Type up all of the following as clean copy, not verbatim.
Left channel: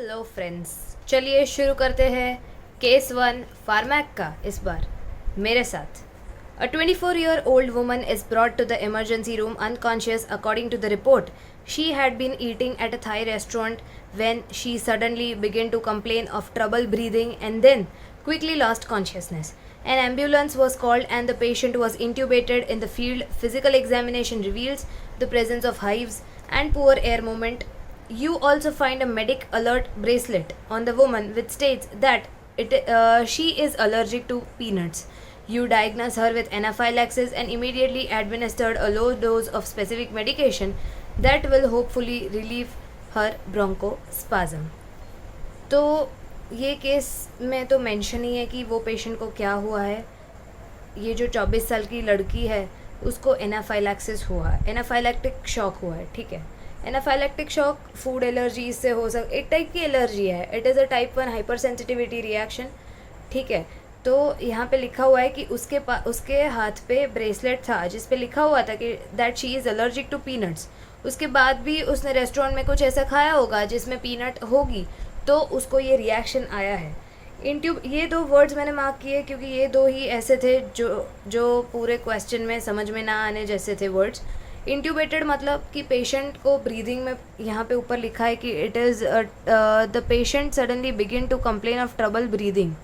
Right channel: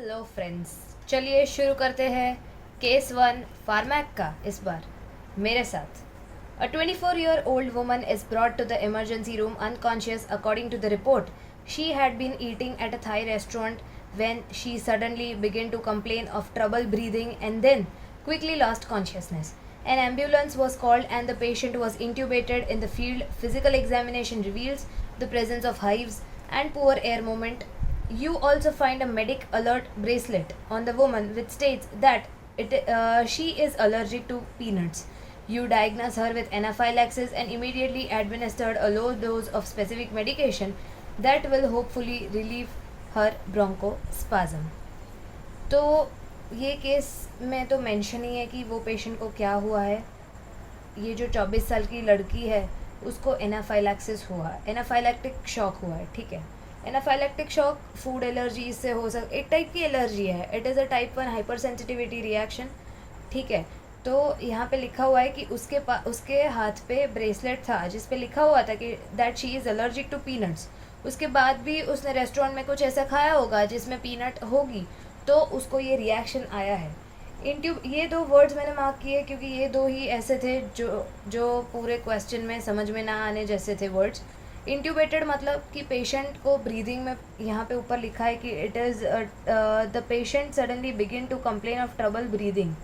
Hello friends, चलिए शुरू करते हैं केस 1 फार्मैक का। इस बार मेरे साथ A 24-year-old woman is brought to the emergency room unconscious. According to the report, she had been eating at a Thai restaurant when she suddenly began to complain of trouble breathing and then quickly lost consciousness. An ambulance was called and the patient was intubated in the field. Physical examination reveals the presence of hives and poor air movement. You also find a medic alert bracelet on the woman which states that she is allergic to peanuts. You diagnose her with anaphylaxis and immediately administered a low dose of specific medication that will hopefully relieve her bronchospasm. तो ये case में तो mention ही है कि वो patient को क्या हुआ है। ये जो 24 साल की लड़की है उसको एनाफाइलैक्सिस हुआ है, एनाफाइलैक्टिक शॉक हुआ है। ठीक है, एनाफाइलैक्टिक शॉक फूड एलर्जी से हो एक टाइप की एलर्जी है। It is a type 1 hyper sensitivity reaction. ठीक है, तो यहाँ पे लिखा हुआ है कि उसके हाथ पे ब्रेसलेट था जिस पे लिखा हुआ था कि that she is allergic to peanuts. उसके बाद भी उसने रेस्टोरेंट में कुछ ऐसा खाया होगा जिसमें पीनट होगी, तो उसको ये रिएक्शन आया है। ये दो वर्ड्स मैंने मार्क किए क्योंकि ये दो ही ऐसे थे जो पूरे क्वेश्चन में समझ में ना आने जैसे थे वर्ड्स। इंट्यूबेटेड मतलब कि पेशेंट को ब्रीदिंग में यहाँ पे ऊपर लिखा है कि it is the patient suddenly begin to complain of trouble breathing.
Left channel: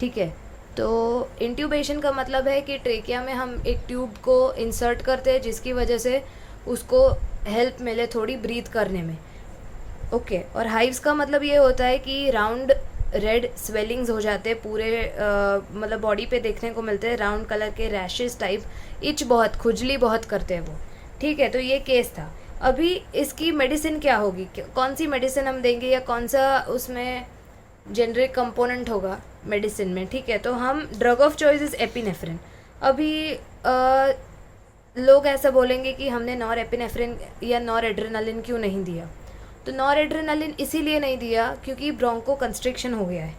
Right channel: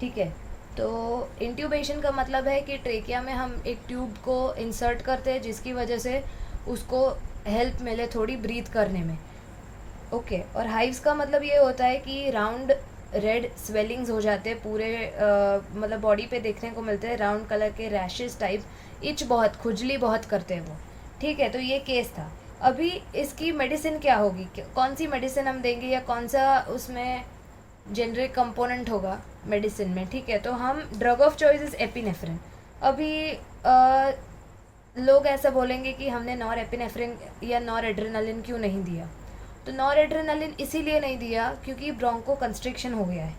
ठीक है, तो इंट्यूबेशन का मतलब है कि ट्रेकिया में हम एक ट्यूब को इंसर्ट करते हैं जिसकी वजह से उसको हेल्प मिले थोड़ी ब्रीथ करने में। ओके, और हाइव्स का मतलब ये होता है कि राउंड रेड स्वेलिंग्स हो जाते हैं पूरे मतलब बॉडी पे देखने को मिलते हैं, राउंड कलर के रैशेस टाइप, इच बहुत, खुजली बहुत करते हैं वो। ठीक है, तो ये केस था। अभी इसकी मेडिसिन क्या होगी, कौन सी मेडिसिन हम देंगे या कौन सा उसमें जेनरिक कंपोनेंट होगा मेडिसिन में। ठीक है, तो हम drug of choice is epinephrine. अभी लोग ऐसा बोलेंगे कि हमने नॉर एपिनेफ्रिन या नॉर एड्रेनालिन क्यों नहीं दिया। तो नॉर एड्रेनालिन इसीलिए नहीं दिया क्योंकि ब्रोंको कंस्ट्रिक्शन हो गया है,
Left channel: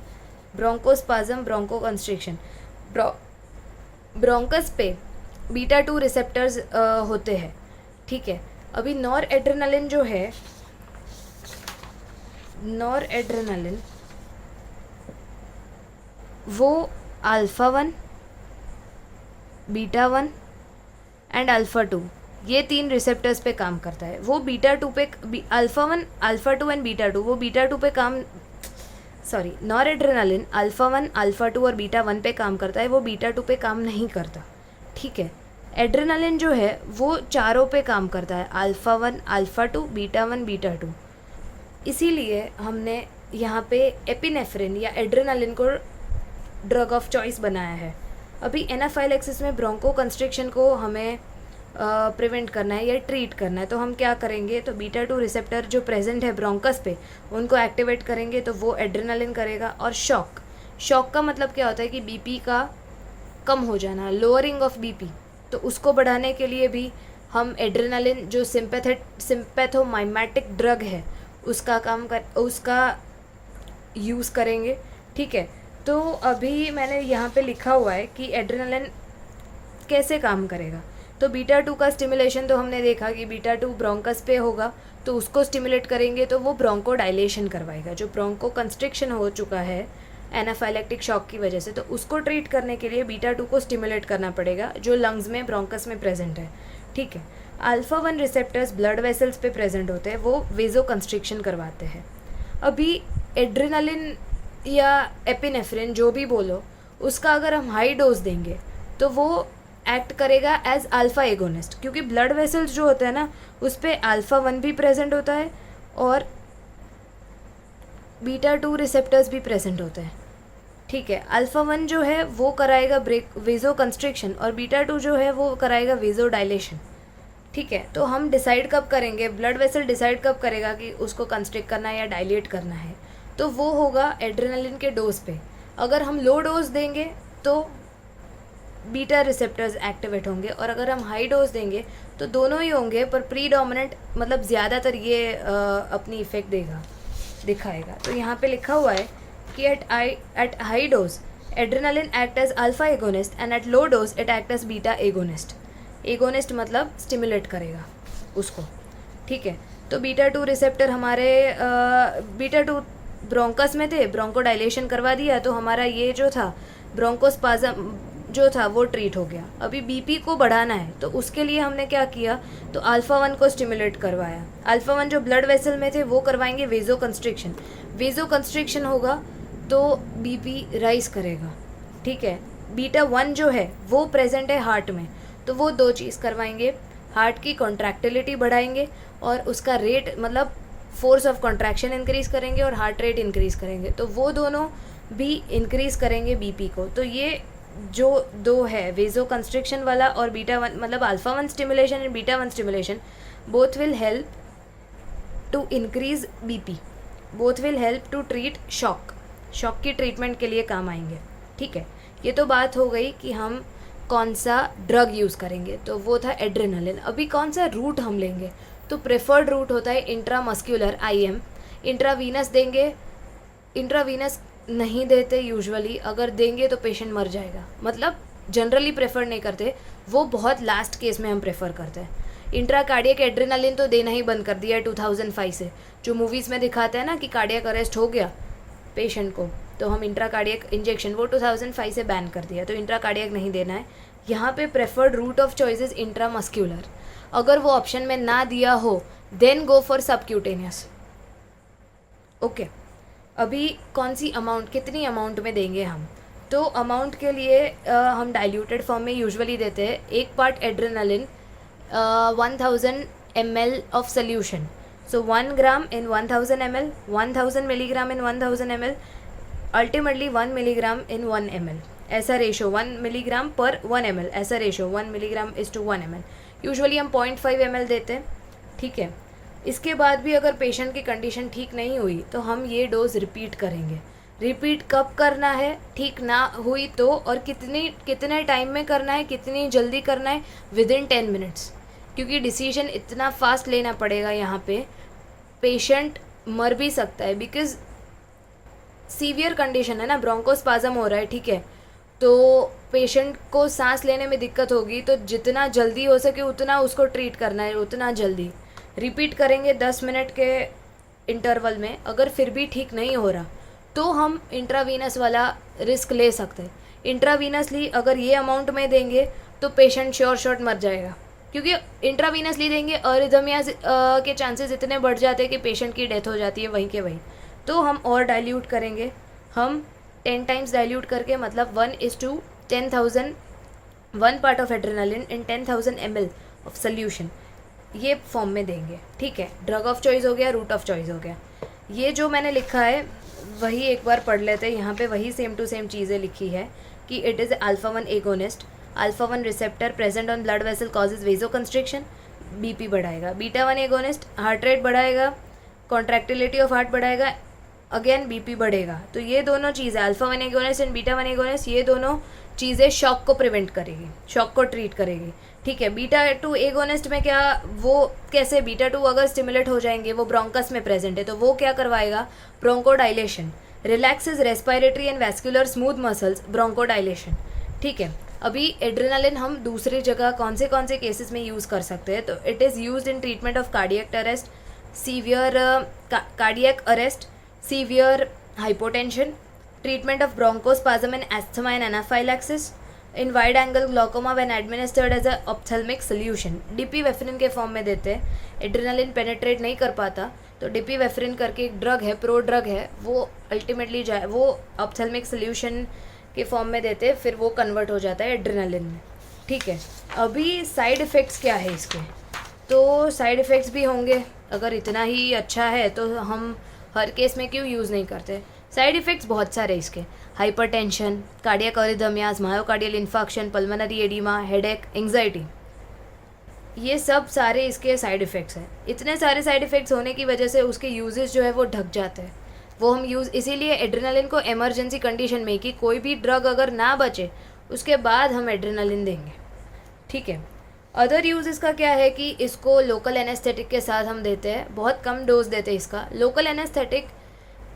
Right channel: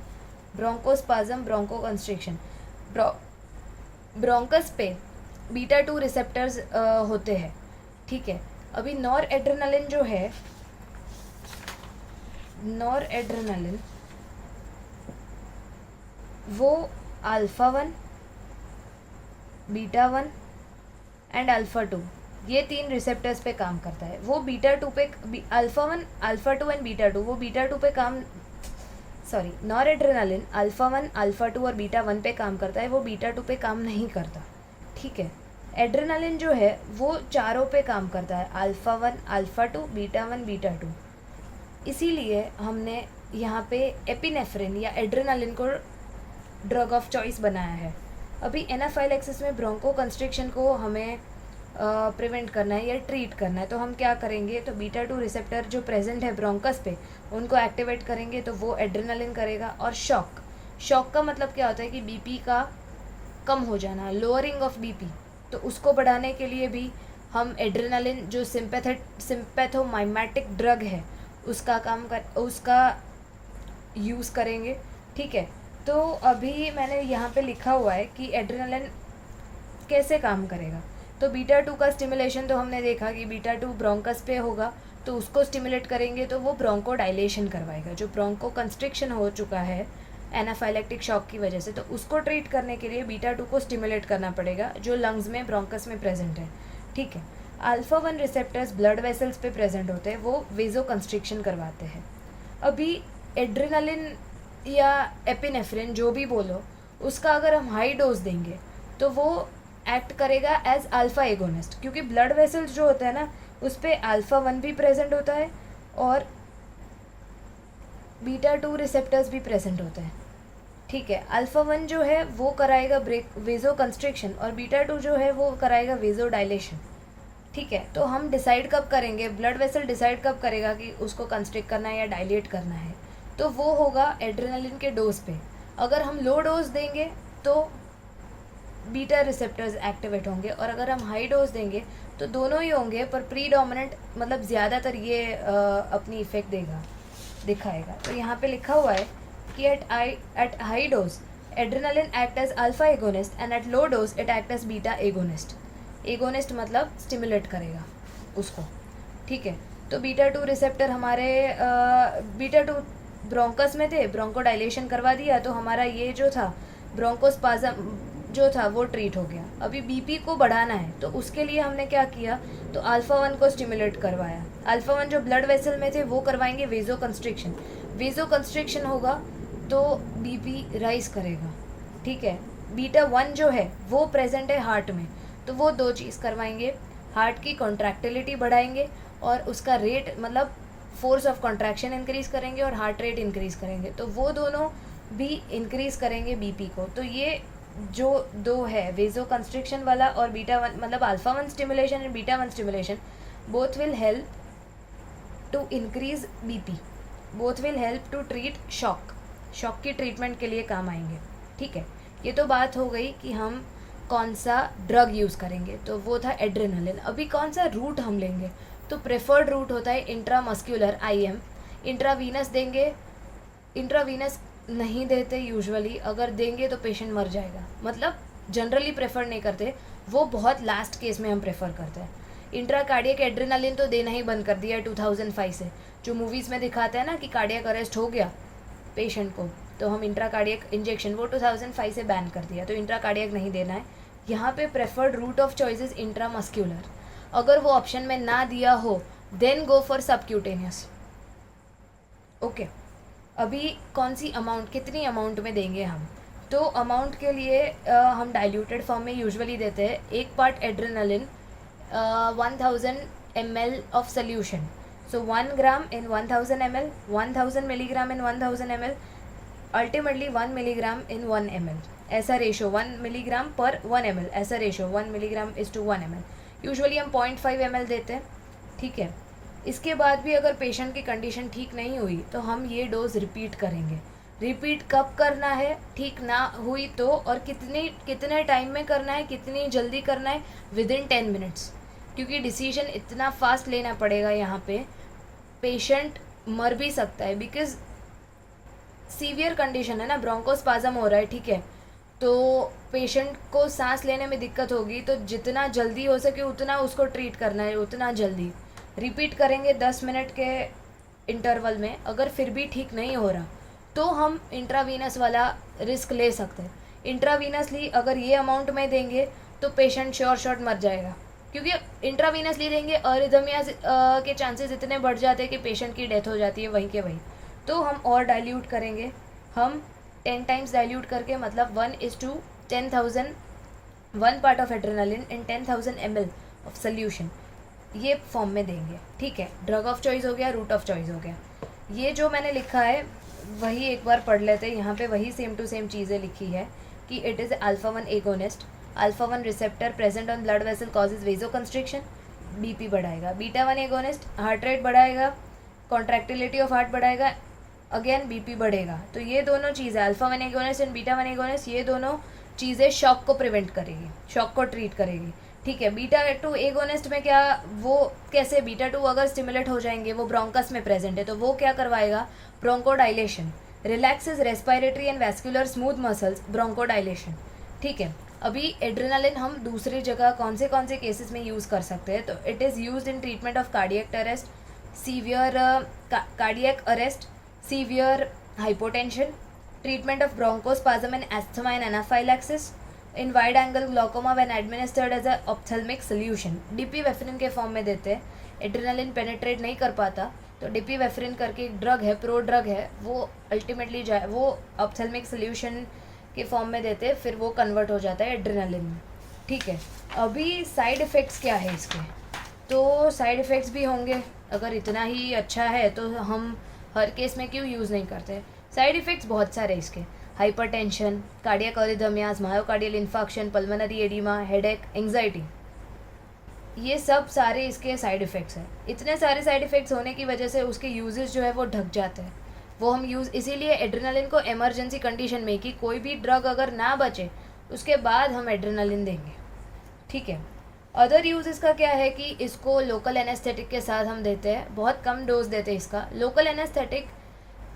ब्रोंकोस्पाज्म, ब्रोंको कंस्ट्रिक्शन। ब्रोंकस पे बीटा 2 रिसेप्टर्स होते हैं। ठीक है, अभी नॉर एड्रेनालिन जो है, नॉर एड्रेनालिन वो अल्फ़ा 1, बीटा 1 एंड अल्फ़ा 2, ये 3 रिसेप्टर्स पे काम करता है। वो बीटा 2 पे, अल्फ़ा 1, अल्फ़ा 2 एंड बीटा 2, वो बीटा 2 पे काम, sorry, nor adrenaline alpha 1, alpha 2 और बीटा 1 पे काम करता है, वो बीटा 2 पे काम नहीं करता। ठीक है, एड्रेनालिन जो है वो चारों पे काम करता है, अल्फ़ा 1, अल्फ़ा 2, बीटा 1, बीटा 2। इसीलिए हमने यहाँ पे एपिनेफ्रिन या एड्रेनालिन को ड्रग ऑफ चॉइस बनाया है। अभी एनाफाइलैक्सिस में ब्रोंको कंस्ट्रिक्शन को हमें प्रिवेंट करना है या ट्रीट करना है, तो हम क्या करेंगे, तो बीटा 2 रिसेप्टर जो प्रेजेंट है ब्रोंकस पे उनको एक्टिवेट करेंगे, तो वो एड्रेनालिन करेगा। और शॉक का मतलब क्या होता है कि बीपी का कम हो जाना, लोअरिंग ऑफ बीपी, तो उसको बढ़ाने के लिए भी हम एड्रेनालिन जो सिम्पैथोमाइमेटिक ड्रग है उसका यूज़ करेंगे। ठीक है, तो अभी मैंने यहाँ पे लिखा हुआ है कि एड्रेनालिन कैसे काम करेगा। तो बीटा 2 का स्टिमुलेशन तो हमने देखा कि बीटा 2 ब्रोंकस पे होगा, तो उसको स्टिमुलेट करेंगे तो वो ब्रोंको डायलेशन करवाएगा। जो ब्रोंको कंस्ट्रिक्शन हो चुका है एनाफाइलैक्टिक शॉक की वजह से, तो उसको ट्रीट करने के लिए बीटा 2 को स्टिमुलेट करना पड़ेगा जो लंग्स में, ब्रोंकस में प्रेजेंट है। ठीक है, अल्फ़ा 1 रिसेप्टर्स ब्लड वेसल्स पे प्रेजेंट होते हैं, वो वेजो कंस्ट्रिक्शन करवाते हैं। अभी एड्रेनालिन या एपिनेफ्रिन जो भी बोलो, उसका अगर हम हाई डोज देंगे तो वो एक्ट करेगा एज अल्फ़ा एगोनिस्ट, क्योंकि ब्लड वेसल्स जो होते हैं ना उस पर अल्फ़ा 1 भी प्रेजेंट होता है और बीटा 2 रिसेप्टर्स भी प्रेजेंट होते हैं। ठीक है, अल्फ़ा 1 जो है वो कराएगा वेजो कंस्ट्रिक्शन और बीटा 2 जो है वो कराएगा वेजो डायलेशन। ठीक है, तो हम डिसाइड कब करेंगे, ब्लड वेसल डिसाइड कब करेगा कि उसको कंस्ट्रिक्ट करना है या डायलेट करना है, तो वो होगा एड्रेनालिन के डोज पे। अगर हम लो डोज देंगे तो बीटा रिसेप्टर्स एक्टिवेट होंगे और अगर हम हाई डोज देंगे तो दोनों ही होंगे, पर प्रीडोमिनेंट मतलब ज़्यादातर ये अपनी इफेक्ट दिखाएगा। तो यहाँ पे लिखा हुआ है कि at high dose adrenaline act as alpha agonist and at low dose it act as beta agonist. Agonist मतलब स्टिमुलेट करेगा उसको। ठीक है, तो बीटा 2 रिसेप्टर हमारे बीटा 2 ब्रोंकस में थे, ब्रोंको डायलेशन करवा दिया तो हमारा ये जो था ब्रोंकोस्पाज्म जो था वो ट्रीट हो गया। अभी बीपी को बढ़ाना है तो उसके लिए हमने क्या किया, तो अल्फा 1 को स्टिमुलेट करवाया। अल्फा 1 जो ब्लड वेसल में थे वो करवाएंगे वेजो कंस्ट्रिक्शन। वेजो कंस्ट्रिक्शन होगा तो बीपी राइज करेगा, ठीक है। बीटा 1 जो है वो प्रेजेंट है हार्ट में, तो वो दो चीज़ करवाएंगे, हार्ट की कॉन्ट्रैक्टिलिटी बढ़ाएंगे और उसका रेट मतलब फोर्स ऑफ कॉन्ट्रैक्शन इंक्रीज़ करेंगे और हार्ट रेट इंक्रीज़ करेंगे, तो वो दोनों भी इंक्रीज़ करेंगे बीपी को। तो ये जो दो है वेजो कंस्ट्रिक्शन वाला और बीटा 1 मतलब alpha 1 stimulation and beta 1 stimulation, both will help to increase BP, both will help to treat shock की ट्रीटमेंट के लिए काम आएंगे, ठीक है। ये तो बात हो गई कि हम कौन सा ड्रग यूज़ करेंगे, तो वो था एड्रेनालिन। अभी कौन सा रूट हम लेंगे, तो प्रेफर्ड रूट होता है इंट्रामस्क्यूलर IM। इंट्रावीनस देंगे, इंट्रावीनस नहीं देते यूजुअली, अगर देंगे तो पेशेंट मर जाएगा, मतलब जनरली प्रेफर नहीं करते, वो बहुत लास्ट केस में हम प्रेफर करते हैं। इंट्राकार्डियक एड्रेनालिन तो देना ही बंद कर दिया है 2005 से, जो मूवीज़ में दिखाता है ना कि कार्डियक अरेस्ट हो गया पेशेंट को, तो हम इंट्राकार्डियक इंजेक्शन वो 2005 से बैन कर दिया, तो इंट्राकार्डियक नहीं देना है। यहाँ पे preferred route of choice is intramuscular. अगर वो ऑप्शन में ना दिया हो then go for subcutaneous, okay. अभी कौन सी अमाउंट, कितनी अमाउंट में देंगे हम, तो अमाउंट के लिए हम डाइल्यूटेड फॉर्म में यूजुअली देते हैं। एक part adrenaline 1000 ml of solution, so 1 gram in 1000 ml, 1000 milligram in 1000 ml, ultimately 1 milligram in 1 ml, ऐसा रेशो 1 मिलीग्राम पर 1 ml, ऐसा ratio 1 milligram is to 1 ml। Usually हम 0.5 ml देते हैं, ठीक है। इसके बाद भी अगर पेशेंट की कंडीशन ठीक नहीं हुई तो हम ये डोज रिपीट करेंगे। रिपीट कब करना है, ठीक ना हुई तो, और कितने टाइम में करना है, कितनी जल्दी करना है, विद इन 10 मिनट्स, क्योंकि डिसीजन इतना फास्ट लेना पड़ेगा यहाँ पे, पेशेंट मर भी सकता है, बिकॉज सीवियर कंडीशन है ना, ब्रोंकोस्पाज्म हो रहा है, ठीक है। तो पेशेंट को सांस लेने में दिक्कत होगी, तो जितना जल्दी हो सके उतना उसको ट्रीट करना है, उतना जल्दी। रिपीट करेंगे 10 मिनट के इंटरवल में। अगर फिर भी ठीक नहीं हो रहा तो हम इंट्रावीनस वाला रिस्क ले सकते हैं। इंट्रावीनसली अगर ये अमाउंट में देंगे तो पेशेंट श्योर शॉट मर जाएगा, क्योंकि इंट्रावीनसली देंगे अरिथमियाज के चांसेस इतने बढ़ जाते हैं कि पेशेंट की डेथ हो जाती है वहीं के वहीं। तो हम और डाइल्यूट करेंगे, हम 10 टाइम्स डाइल्यूट करके, मतलब 1:10,000 1 part of adrenaline in 10,000 ml of solution, ये फॉर्म में देंगे, ठीक है। ड्रग ऑफ चॉइस हो गया, रूट ऑफ चॉइस हो गया। ये जो मैंने लिखा है वही एक बार पढ़ लेते हैं, यहाँ पे वही सेम टू सेम चीज़ें लिखी है कि it is alpha 1 agonist, alpha 1 receptor present on blood vessel causes vasoconstriction, BP बढ़ाएगा। बीटा 1 एगोनिस्ट हार्ट रेट बढ़ाएगा, कॉन्ट्रैक्टिलिटी ऑफ हार्ट बढ़ाएगा, अगेन बीपी बढ़ेगा। तो ये दोनों चीज़ें alpha 1 agonist and beta 1 agonist, ये दोनों चीज़ें शॉक को प्रिवेंट करेगी, शॉक को ट्रीट करेगी, ठीक है। बीटा 2 एगोनिस्ट में क्या, वो कैसे, बीटा 2 अगर स्टिमुलेट हो जाएंगे, वो ब्रोंकस में प्रेजेंट है, तो वो क्या करवाएगा, ब्रोंकोडाइलेशन, relaxes respiratory and vascular smooth muscles, ब्रोंकोडाइलेशन, ठीक है। अभी एड्रेनालिन हम दूसरी जगह कौन से केसेस में यूज़ कर सकते हैं, तो it is used in treatment of cardiac arrest, severe cardiac arrest, severe hypotension, treatment of bronchospasm and asthma and anaphylaxis, in wide angle glaucoma when administered as a ophthalmic solution. Dipivefrin के form में देते हैं। Adrenaline penetrate नहीं कर पाता तो डिपीवेफ्रिन करके एक ड्रग है, प्रो ड्रग है, वो अल्टीमेटली वो ऑप्थेल्मिक सोल्यूशन के फॉर्म में देते हैं, फिर वो कन्वर्ट हो जाता है एड्रेनालिन में, ठीक है। अभी साइड इफ़ेक्ट्स क्या है इसके, तो साइड इफ़ेक्ट्स भी होंगे, अगर इतना ही अच्छा है तो हम हर केस में क्यों यूज़ नहीं करते। साइड इफ़ेक्ट्स बहुत सारे इसके, hypertension, cardiac अरिथमियाज, myocardial infarction, pulmonary oedema, headache, anxiety, ये सब सारे इसके साइड इफ़ेक्ट्स हैं। इतने सारे साइड इफ़ेक्ट्स होने की वजह से उसके यूजेस जो है वो ढक जाते हैं, वो हम यूज़, इसीलिए एड्रेनालिन को इमरजेंसी कंडीशन में कि कोई भी ड्रग अगर ना बचे उसके बाद हम एड्रेनालिन देंगे, ठीक है। अदर यूज़ इसका क्या है कि इसको लोकल एनेस्थेटिक के साथ हम देते हैं, बहुत कम डोज देते हैं इसका। लोकल एनेस्थेटिक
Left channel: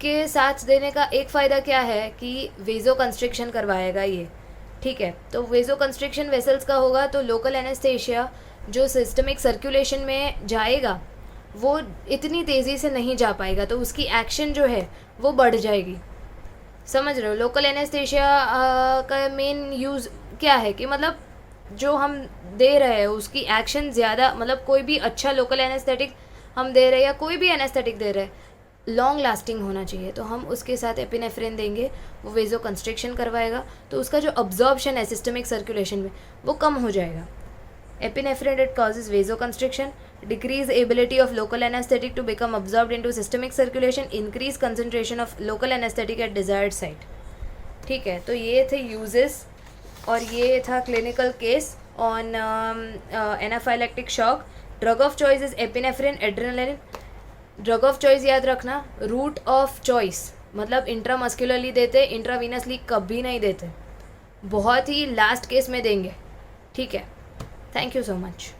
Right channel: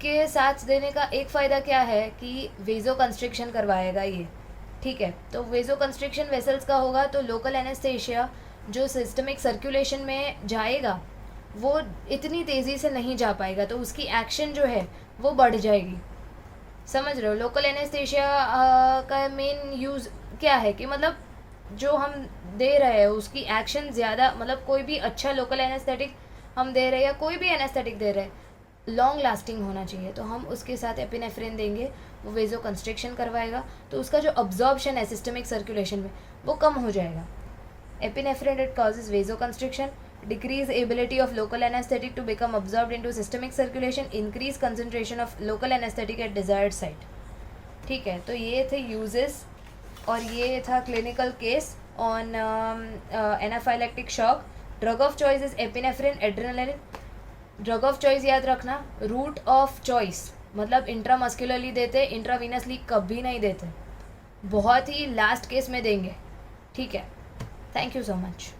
के साथ देने का एक फ़ायदा क्या है कि वेजो कंस्ट्रिक्शन करवाएगा ये, ठीक है। तो वेजो कंस्ट्रिक्शन वेसल्स का होगा तो लोकल एनेस्थेशिया जो सिस्टमिक सर्कुलेशन में जाएगा वो इतनी तेज़ी से नहीं जा पाएगा, तो उसकी एक्शन जो है वो बढ़ जाएगी। समझ रहे हो? लोकल एनेस्थेशिया का मेन यूज़ क्या है कि मतलब जो हम दे रहे हैं उसकी एक्शन ज़्यादा, मतलब कोई भी अच्छा लोकल एनेस्थेटिक हम दे रहे हैं या कोई भी एनेस्थेटिक दे रहे हैं, लॉन्ग लास्टिंग होना चाहिए। तो हम उसके साथ एपिनेफ्रिन देंगे, वो वेजो कंस्ट्रिक्शन करवाएगा, तो उसका जो अब्जॉर्प्शन है सिस्टमिक सर्कुलेशन में वो कम हो जाएगा। Epinephrine, it causes vasoconstriction, decrease ability of local anesthetic to become absorbed into systemic circulation, increase concentration of local anesthetic at desired site। ठीक है, तो ये थे यूजेस और ये था clinical case on anaphylactic shock. Drug of choice is epinephrine, adrenaline. Drug of choice याद रखना, रूट ऑफ चॉइस मतलब इंट्रामस्कुलरली देते, इंट्रावीनसली कभी नहीं देते, बहुत ही लास्ट केस में देंगे। ठीक है, थैंक यू सो मच।